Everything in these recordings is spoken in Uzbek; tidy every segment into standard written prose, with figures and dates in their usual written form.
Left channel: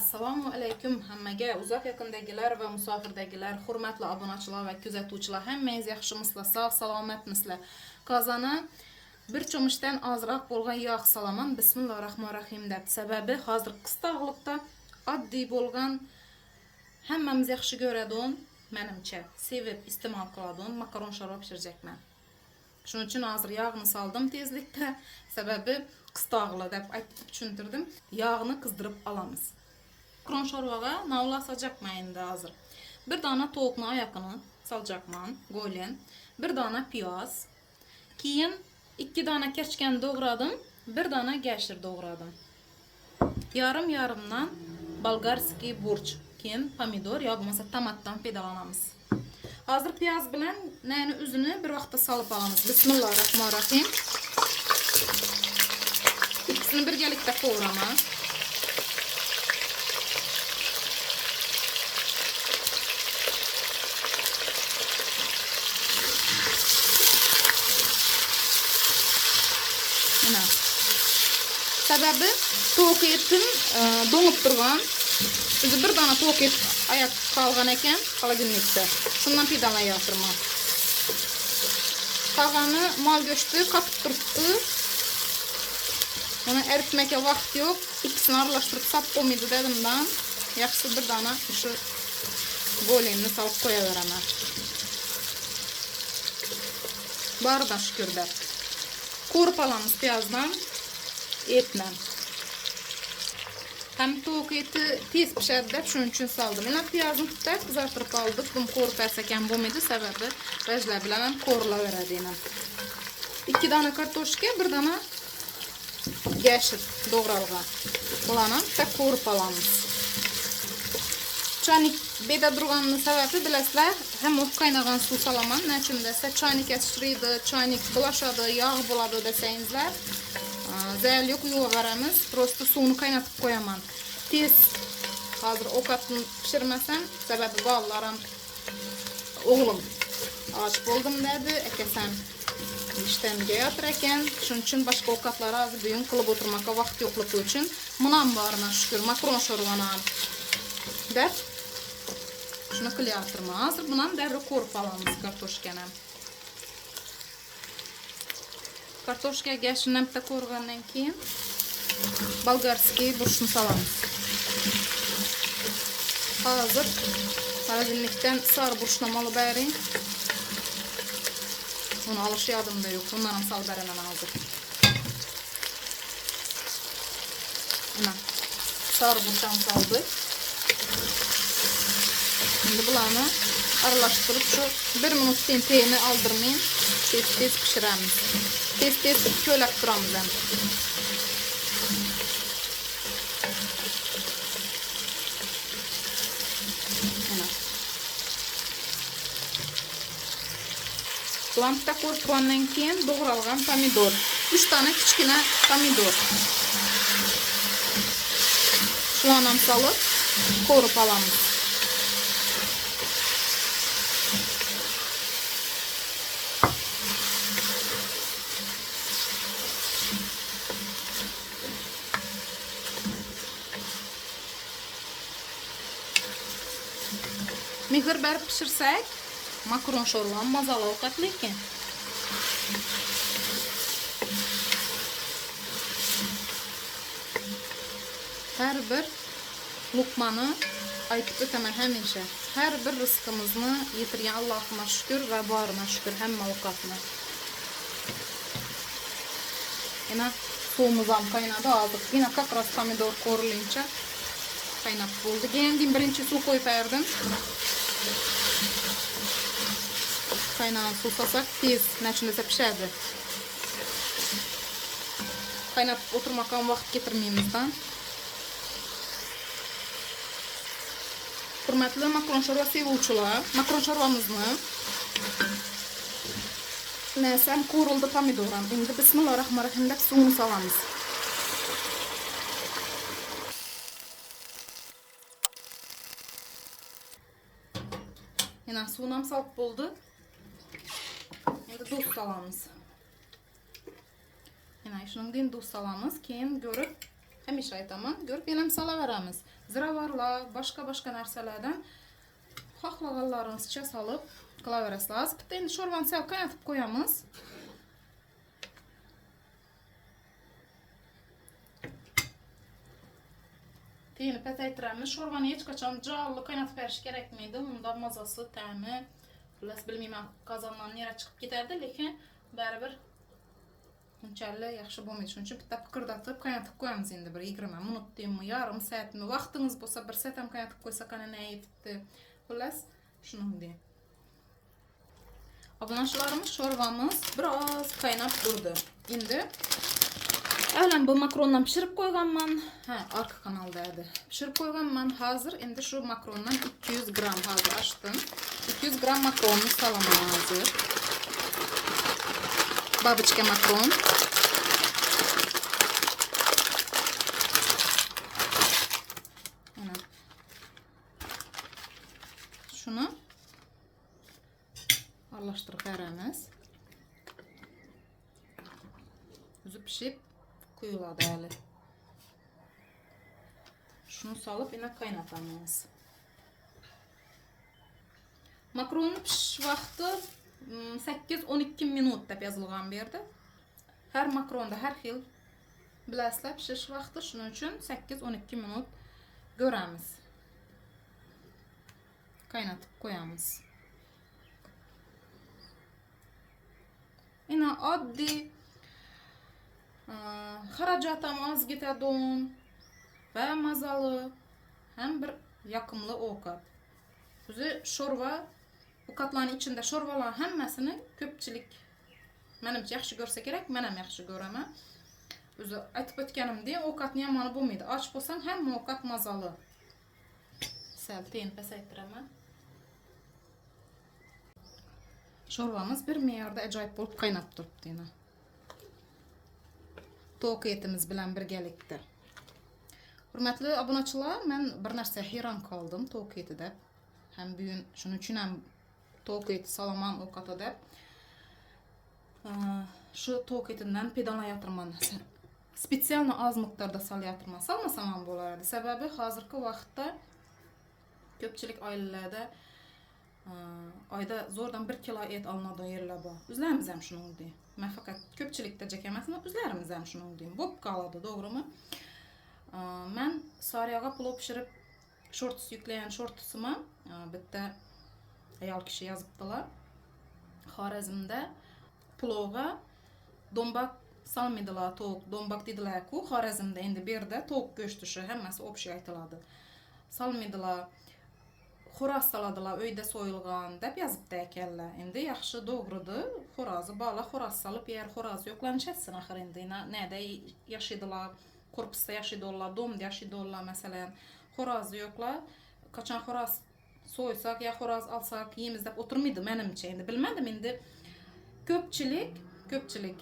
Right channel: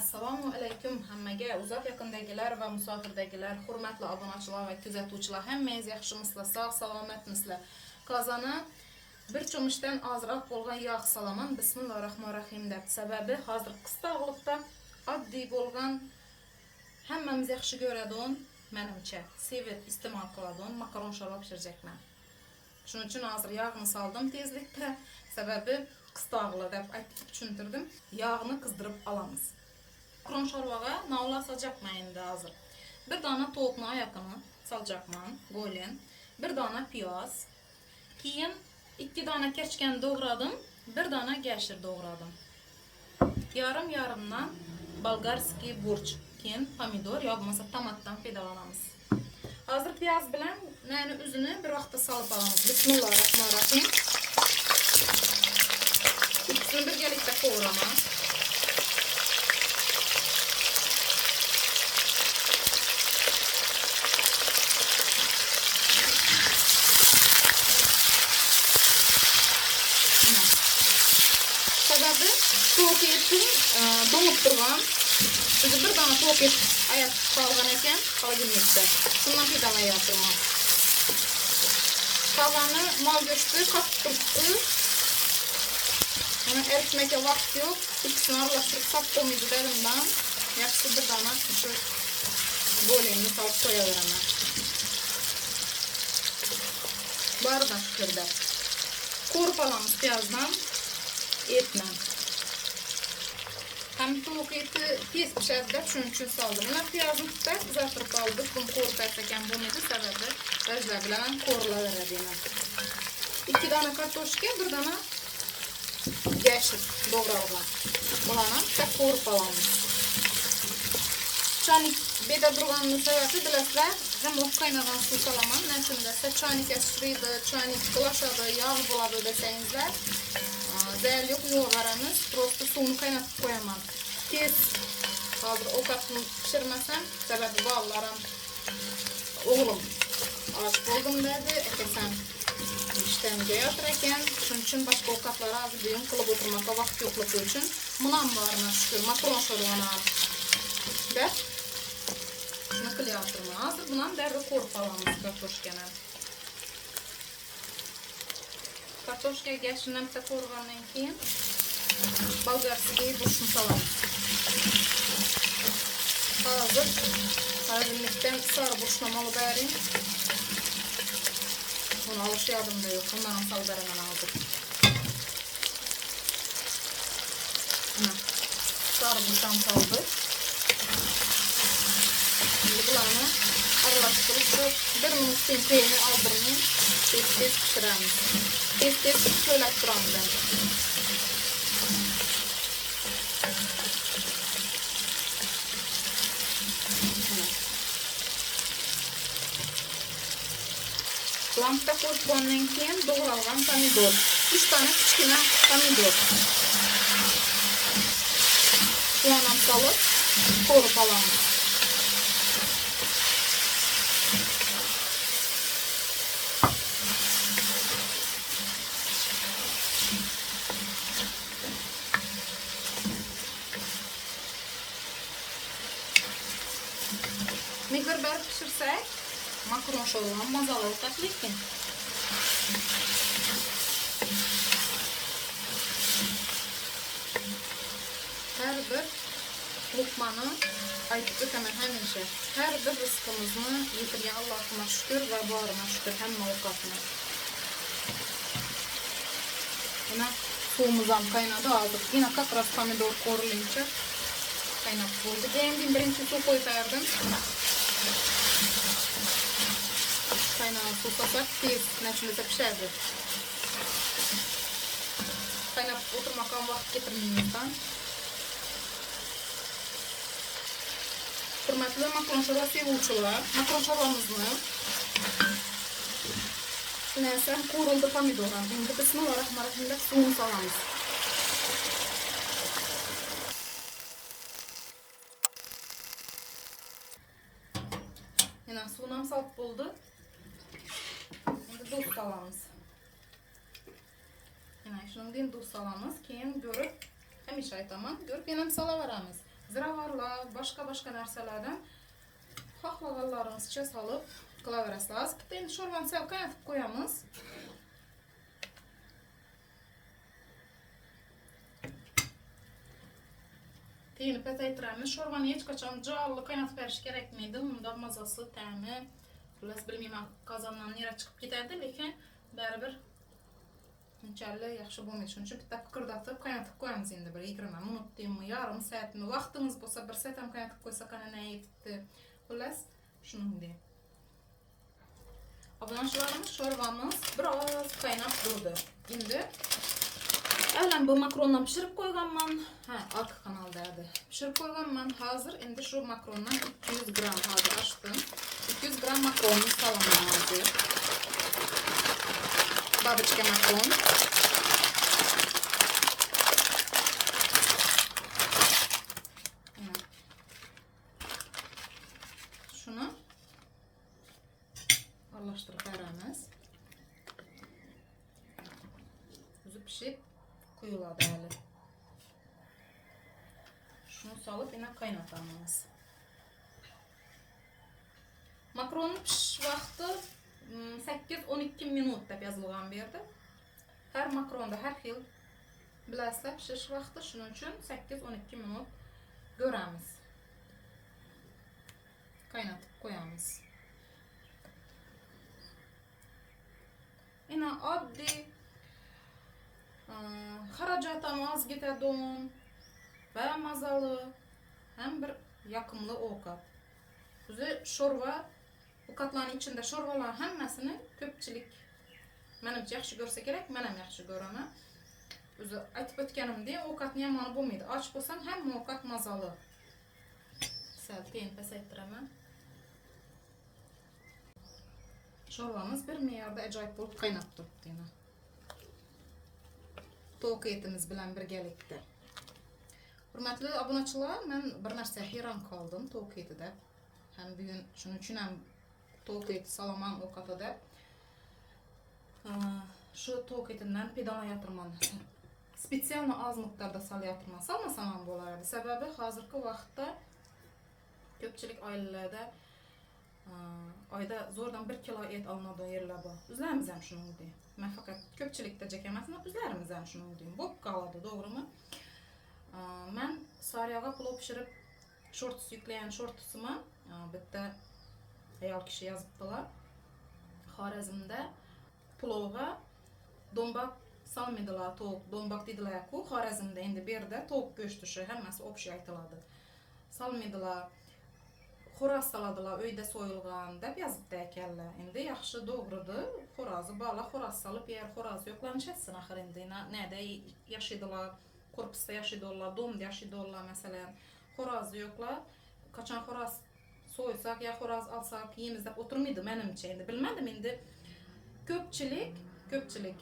Assalomu alaykum hammaga, uzoq yaqindagilar va musofirdagilar, hurmatli obunachilar va kuzatuvchilar, hammangiz yaxshimisizlar, sog' salomatmisizlar. Qozona bir cho'mishdan ozroq bo'lgan yog' solaman. Bismillahirrohmanirrohim deb. Sababi hozir qisqog'liqda oddiy bo'lgan, hammamiz yaxshi ko'radigan, menimcha sevib iste'mol qiladigan makaron sho'rva pishirajakman. Shuning uchun hozir yog'ni soldim tezlikda. Sababi qisqog'li deb aytib tushuntirdim. Yog'ni qizdirib olamiz. Makaron sho'rvaga navla solacakman endi hozir. Bir dona tovuqni oyog'ini solacakman, go'len. Bir dona piyoz. Keyin 2 dona kerchkani doğradım, 1 dona gashir doğradım. Yarım-yarımdan bolgarskiy burch, keyin pomidor yo bo'lmasa tomatdan foydalanamiz. Hozir piyoz bilan nani uzini bir vaqtda solib olamiz. Bismillahirrohmanirrohim. İkisini birgalikda qovuramiz. Sababi tovuq etim donib turgan. Biz bir dona tovuq et ayat qolgan ekan, xolodilnikda. Shundan foydalanyapman. Tavani mol go'shti qatib turibdi. Mana eritmaga vaqt yo'q. İkisini aralashtirib sap qo'ymaydi dedimdan. Yaxshi bir dona shu go'lenni solib qo'yaveraman. Baridan shukurda. Ko'rib olamiz piyozdan. Etmem. Hem tovuq eti tez pişadi deb shuning uchun soldim. Mana piyozni tutib kuzatib oldik. Buni qo'rqasa ham bo'lmaydi, sababi rajlar bilan qo'rilaveradi. 2 dona kartoshka, 1 dona gashir doğralgan. Bularni bitta qo'rib olamiz. Choynik beda turganning sababi bilasizlar, ham qaynagan suv solaman. Nechun desa, choynikka tushiradi, choynik bulashadi, yog' bo'ladi desangizlar. Zayl yok, yuvaramiz. Prosto suvni qaynatib qo'yaman. Tez hozir ovqatni pishirmasam, sababi bolarim o'g'lim och bo'ldim dedi, akasan ishtamga yotir ekan. Shuning uchun boshqa ovqatlar hozir buyum qilib o'tirmoqqa vaqt yo'qligi uchun bunam bormi shukur, makaron sho'rvani ham deb shuni qilyapman. Hozir bunam darrov qo'rib olamiz kartoshkani. Kartoshka gashini bitta qo'rgandan keyin bolgarskiy burchni solamiz. Hozir xolodilnikdan sor burchni olib bering. Buni olish yodimda yo'q. Bundan solib beraman hozir. Mana sor burchni soldik. Bularni aralashtirib 1 minutdan teyini oldirmay tez pishiramiz. Tez ko'lab turamiz. Lampa qo'ygandan keyin doğralgan pomidor. 3 dona kichkina pomidor. Bularni ham solib qo'rib olamiz. Mehir berib pishirsak, makaron sho'rva mazali ovqat lekin. Har bir luqmani aytib o'taman hamisha. Har bir rizqimizni yetirgan Allohga shukr va borima shukr hamma ovqatni. Mana suvimiz ham qaynadi hozir. Yana taqras pomidor qo'rilincha qaynab bo'ldi. Endi birinchi suv qo'yardim. Qaynagan suv solsak tez nachimda pishadi. Qaynab o'tirmoqqa vaqt ketirmaymizdan. Hurmatli makaron sho'rva sevuvchilar, makaron sho'rvamizni nesam qo'rildi pomidorim. Endi bismillahirrohmanirrohim deb suvni solamiz. Yana suvni ham solib bo'ldi. Endi tuz solamiz. Yana shundan tuz solamiz, keyin ko'rib hamisha aytaman, ko'rib yana solaveramiz. ziravarlar, başka narsalardan xohlaganlarinizcha solib qilaverasizlar. Bitta endi sho'rvani sal qaynatib qo'yamiz. Teyini pasaytiramiz. Sho'rvani hech qachon jonli qaynatib berish kerakmaydi. Unda mazasi, ta'mi, xullas bilmayman, qozondan nera chiqib ketadi, lekin baribir unchalik yaxshi bo'lmaydi. Shuning uchun bitta piqirdatib qaynatib qo'yamiz endi bir 20 minutmi, yarim soatmi, vaqtingiz bo'lsa 1 soat ham qaynatib qo'ysa qanday yetibdi. Xullas, shuningdek. Obunachilarimiz sho'rvamiz biroz qaynab turdi. Endi avval bu makarondan pishirib qo'yganman. Arka kanalda edi. Pishirib qo'yganman. Hozir endi shu makarondan 200 gram hozir ochdim. 200 gram makaronni solaymiz. Babichka makaron. Şunu aralashtirib beramiz. O'zi pishib qo'yiladi hali. Shuni solib yana qaynatamiz. Makaronni pishish vaqti 8-12 minut deb yozilgan bu yerda. Har makaronda har xil bilasizlar pishish vaqti, shuning uchun 8-12 minut ko'ramiz. Qaynatib qo'yamiz. Yana oddiy xarajat ham oz ketadi va mazali ham bir yoqimli ovqat. O'zi sho'rva, ovqatlarning ichida sho'rvalar hammasini ko'pchilik menimcha yaxshi ko'rsa kerak, men ham yaxshi ko'raman. O'zi aytib o'tganimdek, ovqatni yomoni bo'lmaydi. Och bo'lsam hamma ovqat mazali. Sal teyin pasaytiraman. Sho'rvamiz bir me'yorda ajoyib bo'lib qaynab turibdi yana. To'q etimiz bilan birgalikda. Hurmatli obunachilar, men bir narsa hayron qoldim to'q etida. Ham bugun shuning uchun ham to'q et saloman ovqatida. Shu to'q etidan pedanayotirman. Spetsialni oz miqdorda solyatirman. Solmasam ham bo'lardi. Sababi hozirgi vaqtda ko'pchilik oilalarda oyda zo'rdan 1 kilo et olinadigan yerlar bor. O'zlarimiz ham shuningdek. Men faqat ko'pchilikda jak emasman, o'zlarimiz ham shuningdek. Bo'p qoladi, to'g'rimi? Men Sariyaga plov pishirib shorts yuklagan shortsimi bitta ayol kishi yozibdilar. Xorazmda plovga dombak solmaydilar, to'q dombak dedilar-ku. Xorazmda endi bu yerda to'q go'shti shu hammasi o'pshi aytiladi. Solmaydilar. Xo'roz soladilar, uyda so'yilgan deb yozibdi ekanlar. Endi yaxshi to'g'ridi. Xo'rozni bola xo'roz solib yer, xo'roz yo'qlanishsin axir endi. Nada yashaydilar, korpusda yashaydilar, domda yashaydilar masalan. Xo'rozni yo'qlar. Qachon xo'roz so'ysak ya xo'roz olsak yeymiz deb o'tirmaydi menimcha. Endi bilmadim, endi ko'pchilik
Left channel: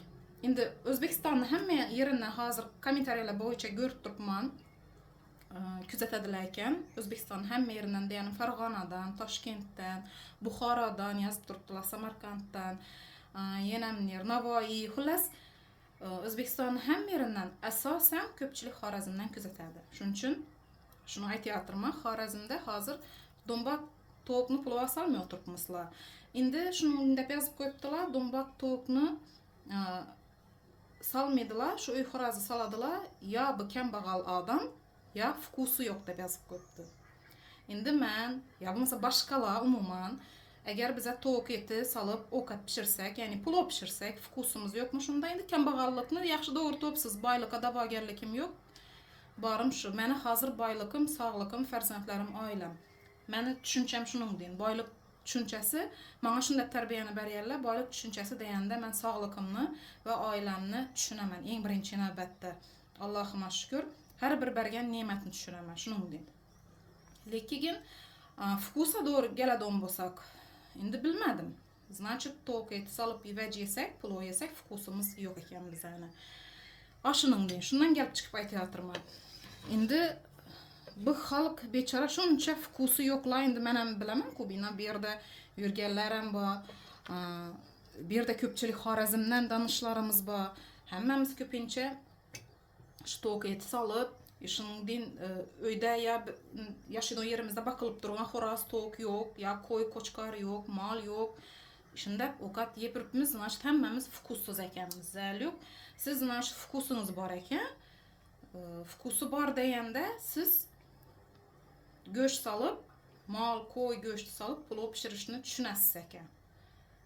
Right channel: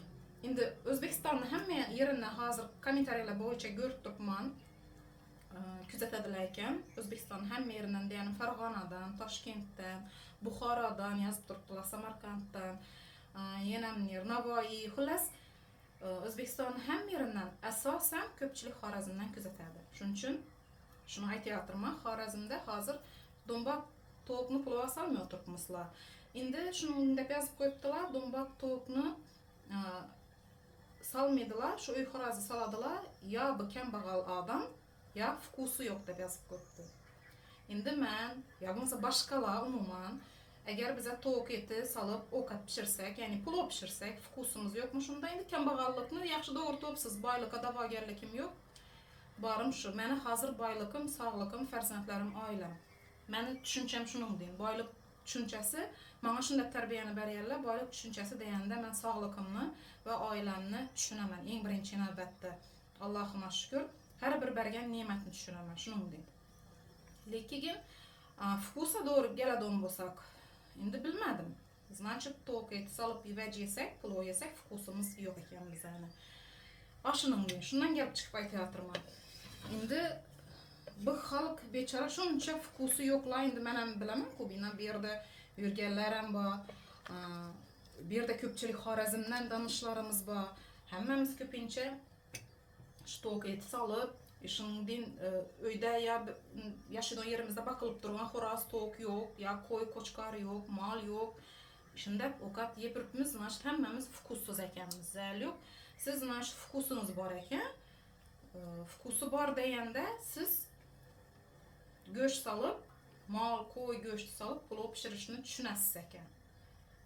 endi O'zbekistonning hamma yerini hozir kommentariyalar bo'yicha ko'rib turibman. Kuzatadilar ekan. O'zbekistonning hamma yeridan, ya'ni Farg'onadan, Toshkentdan, Buxorodan yozib turibdilar, Samarqanddan, yana Navoiy, xullas O'zbekistonning hamma yeridan asosan ko'pchilik Xorazmdan kuzatadi. Shuning uchun shuni aytayapman, Xorazmda hozir dombak to'qni plov solmay o'tiribmizlar. Endi shuni deb yozib qo'yibdilar, dombak to'qni solmaydilar, shu uy xo'rozi soladilar, yo bu kambag'al odam ya vkusi yo'q deb yozib qo'yibdi. Endi men ya bo'lmasa boshqalar umuman agar biz to'q eti solib ovqat pishirsak, ya'ni plov pishirsak, vkusimiz yo'qmi shunda endi kambag'allikni yaxshi to'g'ri topsiz, boylikqa da'vogarligim yo'q. Borim shu. Meni hozir boylikim, sog'likim, farzandlarim, oilam. Meni tushuncham shuningdek. Boylik tushunchasi menga shunday tarbiyani berganlar. Boylik tushunchasi deganda men sog'ligimni va oilamni tushunaman eng birinchi navbatda. Allohga shukr. Har bir bergan ne'matni tushunaman, shuningdek. Lekin vkusa to'g'ri keladigan bo'lsak, endi bilmadim. Значит, to'q et solib vaj yesak, plov yesak, vkusimiz yo'q ekan bizani. Ashuningdek, shundan kelib chiqib aytayapman. Endi bu xalq bechora shuncha vkusi yo'qlar, endi men ham bilaman-ku, bu yerda yurganlar ham bor. Bu yerda ko'pchilik Xorazmdan donishlarimiz bor. Hammamiz ko'pincha shu to'q et solib Şuningdek öyde ya yaşadığın yerimizde bakılıp durgan xoraz, tok yok, ya koy, koçkar yok, mal yok. Şimdi okat yep yuribmiz, naşt hemmemiz fukussuz ekenmiz, zəli yok. Siz naşt fukusunuz var eken, fukusu var degende siz göç salıp, mal, koy, göç salıp, pulu pişirişini düşünəsiz eken.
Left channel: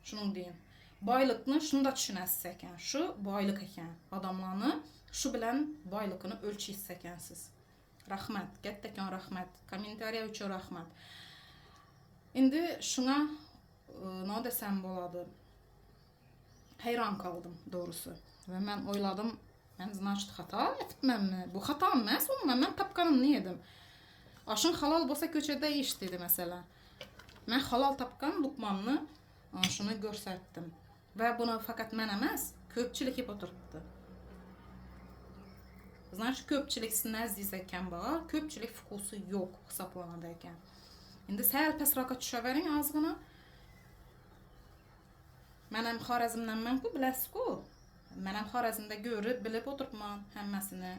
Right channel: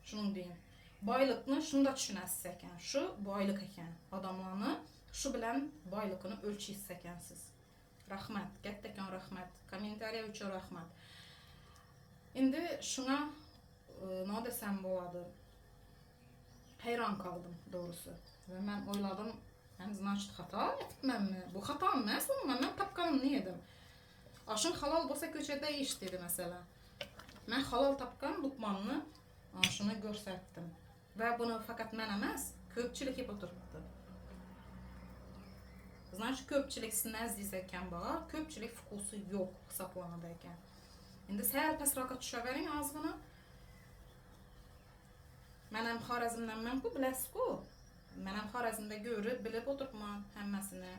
Şunun deyin. Baylıkını şunu da düşünəsiz eken. Şu baylık eken. Adamlarını şu bilen baylıkını ölçüyüz ekensiz. Rahmet. Gettekan rahmet. Komentariya üçün rahmet. Indi şuna ne desem boladı. Hayran kaldım doğrusu. Ve ben oyladım. Ben znaçtı hata etmem mi? Bu hata mı? Ben tapkanım ne yedim? Aşın halal bolsa köçede iştiydi mesela. Ben halal tapkan lukmanını şunu görsətdim. Və bunu fakat mən emas, köpçülük hep oturtdu. Значит, köpçülük nəzdizəkən bağa, köpçülük fukusu yok hesaplanadayken. İndi səl pəsraka düşə verin azgına. Mənim Xarəzmdən mən ku biləsiz ku. Mənim Xarəzmdə görüb, bilib oturtman həmməsini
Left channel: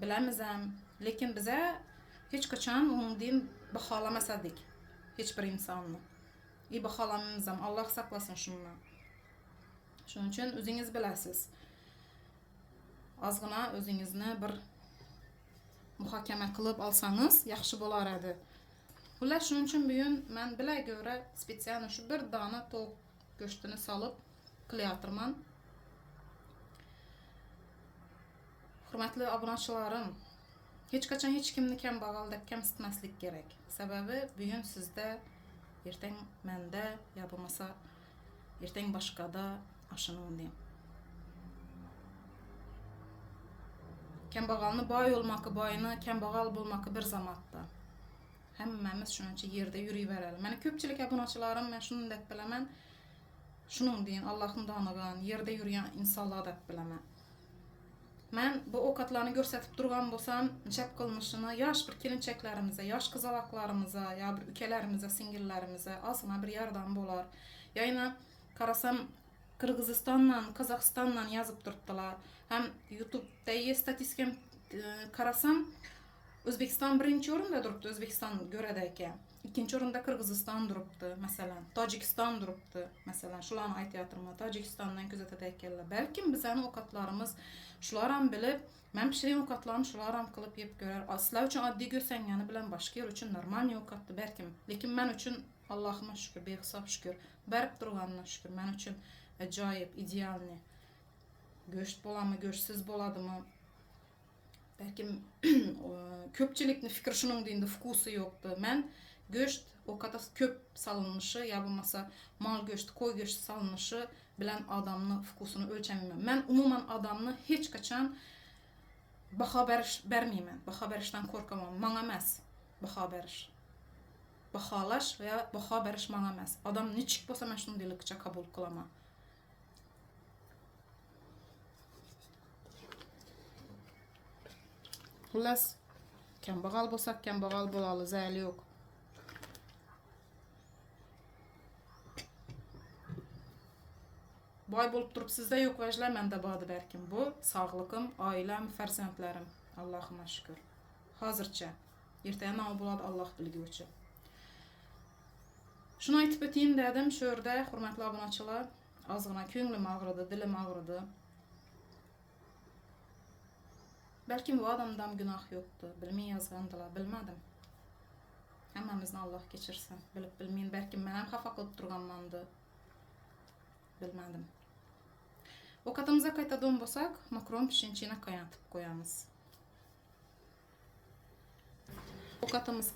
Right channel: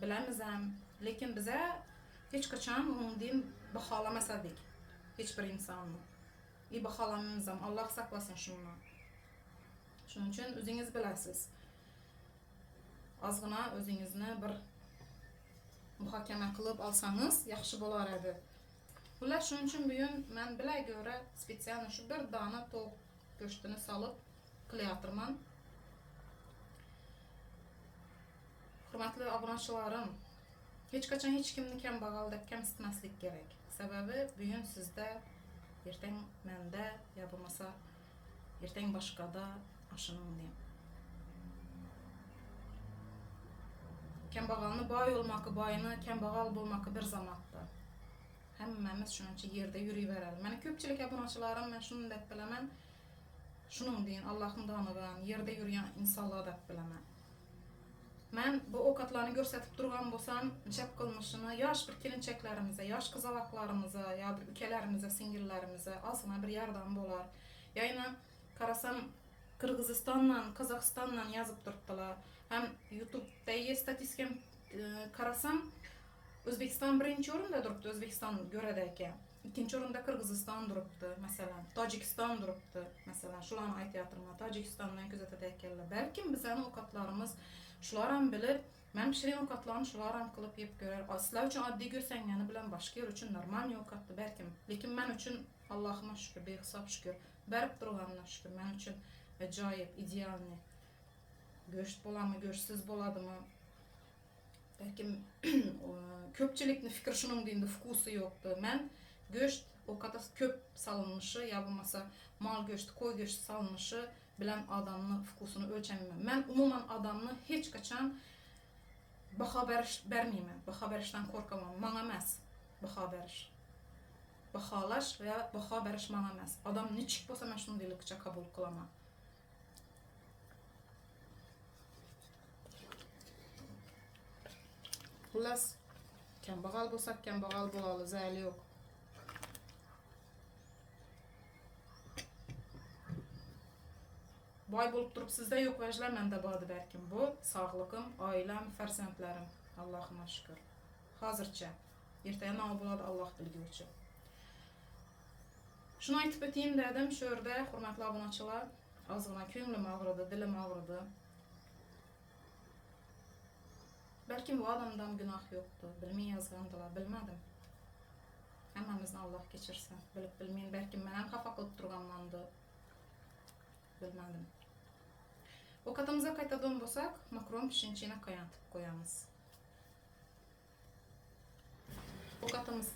biləmizəm. Lekin bizə heç qaçan onun din baxalamasadik. Heç bir insanlı. İyi baxalamamızam. Allah saklasın şundan. Şunun için özünüz biləsiz. Azgına özünüzni bir muhakeme kılıp alsanız yaxşı bolar idi. Ular şunun için bugün mən bilə görə spesialno şu bir dana toq göçtünü salıp kılıyatırman. Hürmetli abunaçılarım, hiç kaçan hiç kimni kembağaldək kemsitməslik gerek. Sebebi bugün sizde, erten məndə, ya bulmasa erten başkada aşınım diyeyim. Kembağalını bay olmakı, bayını kembağal bulmakı bir zamanında. Həmmimiz şununca yerde yürüyüb verelim. Mənə köpçülük abunaçılarım, mən şunun dək biləmən, şunun deyin, Allah'ın danıqan, yerde yürüyen insanlığa dək biləmən. Mən bu okatlarını görsətib durğan bolsam, cəb qılmışını yaş bir kelinçəklərimizə, yaş qızalaqlarımıza, ya bir ülkələrimizə, singillərimizə azına bir yardım bolar. Yayına qarasam Qırğızistanla, Qazaxstanla yazıb durdular. Hem YouTube'da statistikam qarasam Özbekistan birinci orunda durubdu, Özbekistan görədəykən. İkinci orunda Qırğızistan durubdu, məsələn. Tacikistan durubdu, məsələn. Şularını aytıyatırma, Tacikistandan gözətədəykənlər. Bəlkə bizənin okatlarımız şularını bilib, mən pişirən okatlarını şularını qılıb yep görər. Sizlər üçün addi görsən, yəni bilən başqa yer üçün normal okatdı, bəlkə. Lekin mən üçün Allahıma şükür, beyxisab şükür, bərib durğanına şükür, mən üçün acayip, idealni. Göçt bolamı, göçsüz boladı mı? Belki köpçülükni fikir şunun deyinde fukusu yoktu. Ben göçt o kadar köp salınmışı, ya bulmasa mal göçtü, koy göçtü salınmışı bilen adamını fukusunu ölçemem. Ben umuman adamını hiç kaçan baha vermeyemem. Baha verişten korkamam. Bana emas baha veriş. Bahalaş veya baha veriş bana emas. Adam ne çık bolsa ben şunu delikçe kabul kılamam. Xullas, kembağal bolsak kembağal bolalı, zəli yok. Bay bolup durup sizde yok vəclər, məndə badı bərkim. Bu, sağlığım, ailəm, fərzəndlərim. Allahıma şükür. Hazırca. Ertəyə nə boladı Allah bilgi üçün. Şunu aytıb öteyim dedim, şöhrdə, hürmetli abunaçılar, azgına könglim ağrıdı, dilim ağrıdı. Belki bu adamdan günah yoktu. Bilmeyi yazgandılar. Bilmedim. Hemmemizden Allah geçirsin. Bilip bilmeyin. Belki benim kafa kılıp durganlandı. Bilmedim. O katımıza kaytadığım bolsak, makron pişinçine kaynatıp koyamız. O katımız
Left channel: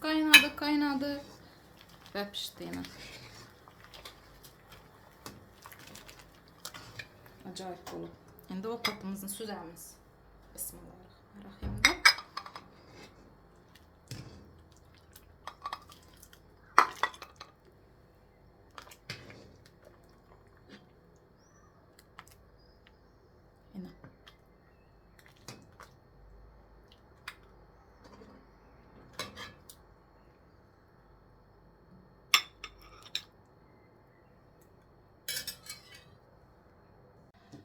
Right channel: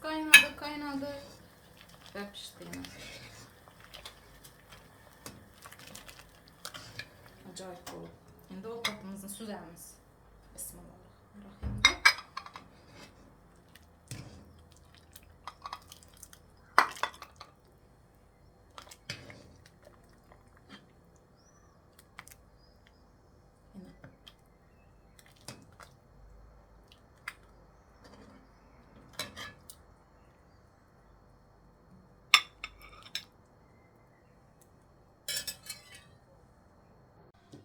kaynadı ve pişti yine. Acayip oldu. Şimdi o katımızın süzemiz. Bismillah. Rahimde. Yine.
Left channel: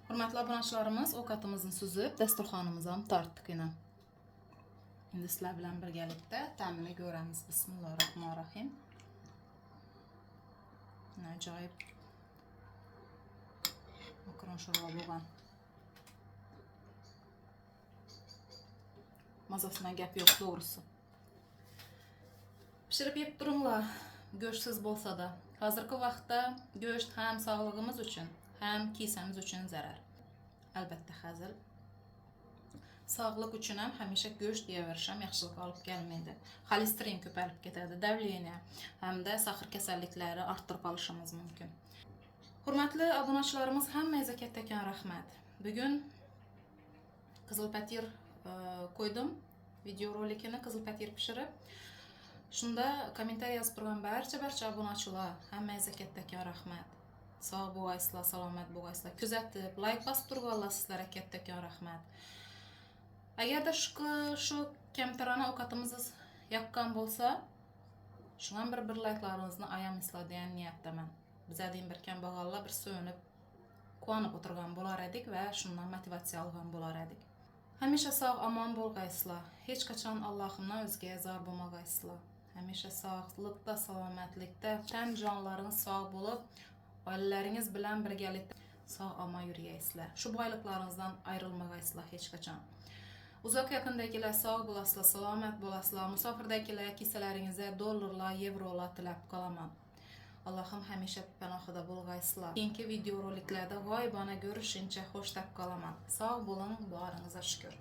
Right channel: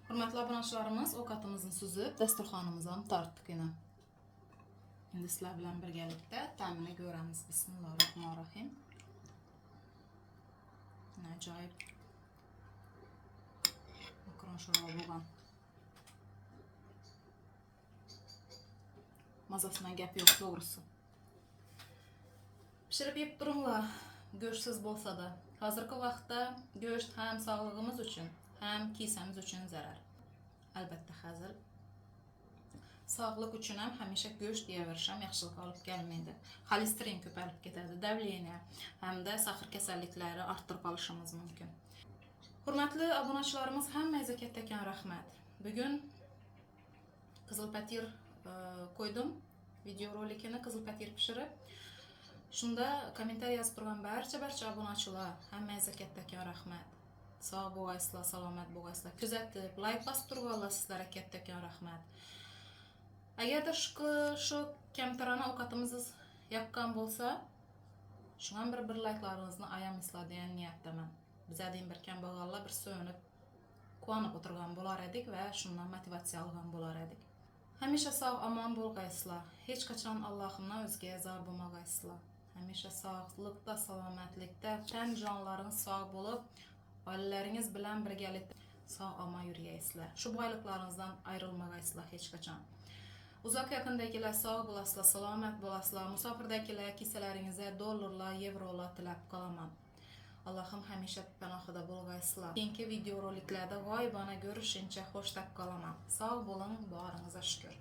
Hürmetli abunatçılarımız, o katımızın süzüp desturxanımıza tarttık yine. Şimdi sizlar bilan birgalikda ta'mini ko'ramiz. Bismillahirrohmanirrohim. Ajoyib makaron sho'rva bo'lgan. Mazasidan gap yo'q to'g'risi. Pishirib yeb turinglar, go'shtsiz bo'lsa da. Hozirgi vaqtda go'sht ham sog'lig'imiz uchun, ham kisamiz uchun zarar. Albatta hazil. Sog'liq uchun ham hamisha go'sht yeyaverish ham yaxshilikka olib kelmaydi. Xolesterin ko'payib ketadi, davleniya hamda sahar kasalliklari orttirib olishimiz mumkin. Hurmatli obunachilarimiz, hammangizga kattakon rahmat. Bugun qizil patir qo'ydim, video rolikini qizil patir pishirib. Shunda kommentariy yozib turgan barcha obunachilar, hammangizga kattakon rahmat. Sog' bo'laysizlar, salomat bo'laysizlar. Kuzatib, like bosib turganlar sizlarga kattakon rahmat. Agarda shu kamtarona ovqatimiz yoqqan bo'lsa, shunga bir like'laringizni ayamaysizlar degan niyatdaman. Bizadin bir kambag'allar bir so'nib, quvonib o'tirgan bo'lar edik va shundan motivatsiya olgan bo'lar edik. Hamisha sog' omon bo'lgaysizlar. Hech qachon Allohimdan o'zga zor bo'lmagaysizlar. Hamisha sog'likda, salomatlikda, tan jonlaringiz sog' bo'lib, oilalaringiz bilan birgalikda sog' omon yurgaysizlar. Shu boyliklaringizdan ayrilmagaysizlar hech qachon. Uzoq yaqindagilar sog' bo'lasizlar, salomat bo'lasizlar. Musofirdagilar kisalaringizga dollarlar, yevrolar tilab qolaman. Allohim hamisha panohida bo'lgaysizlar. Keyingi video roliklarda g'oyibona ko'rishguncha xo'sh deb qolaman. Sog' bo'ling, boringizga shukr.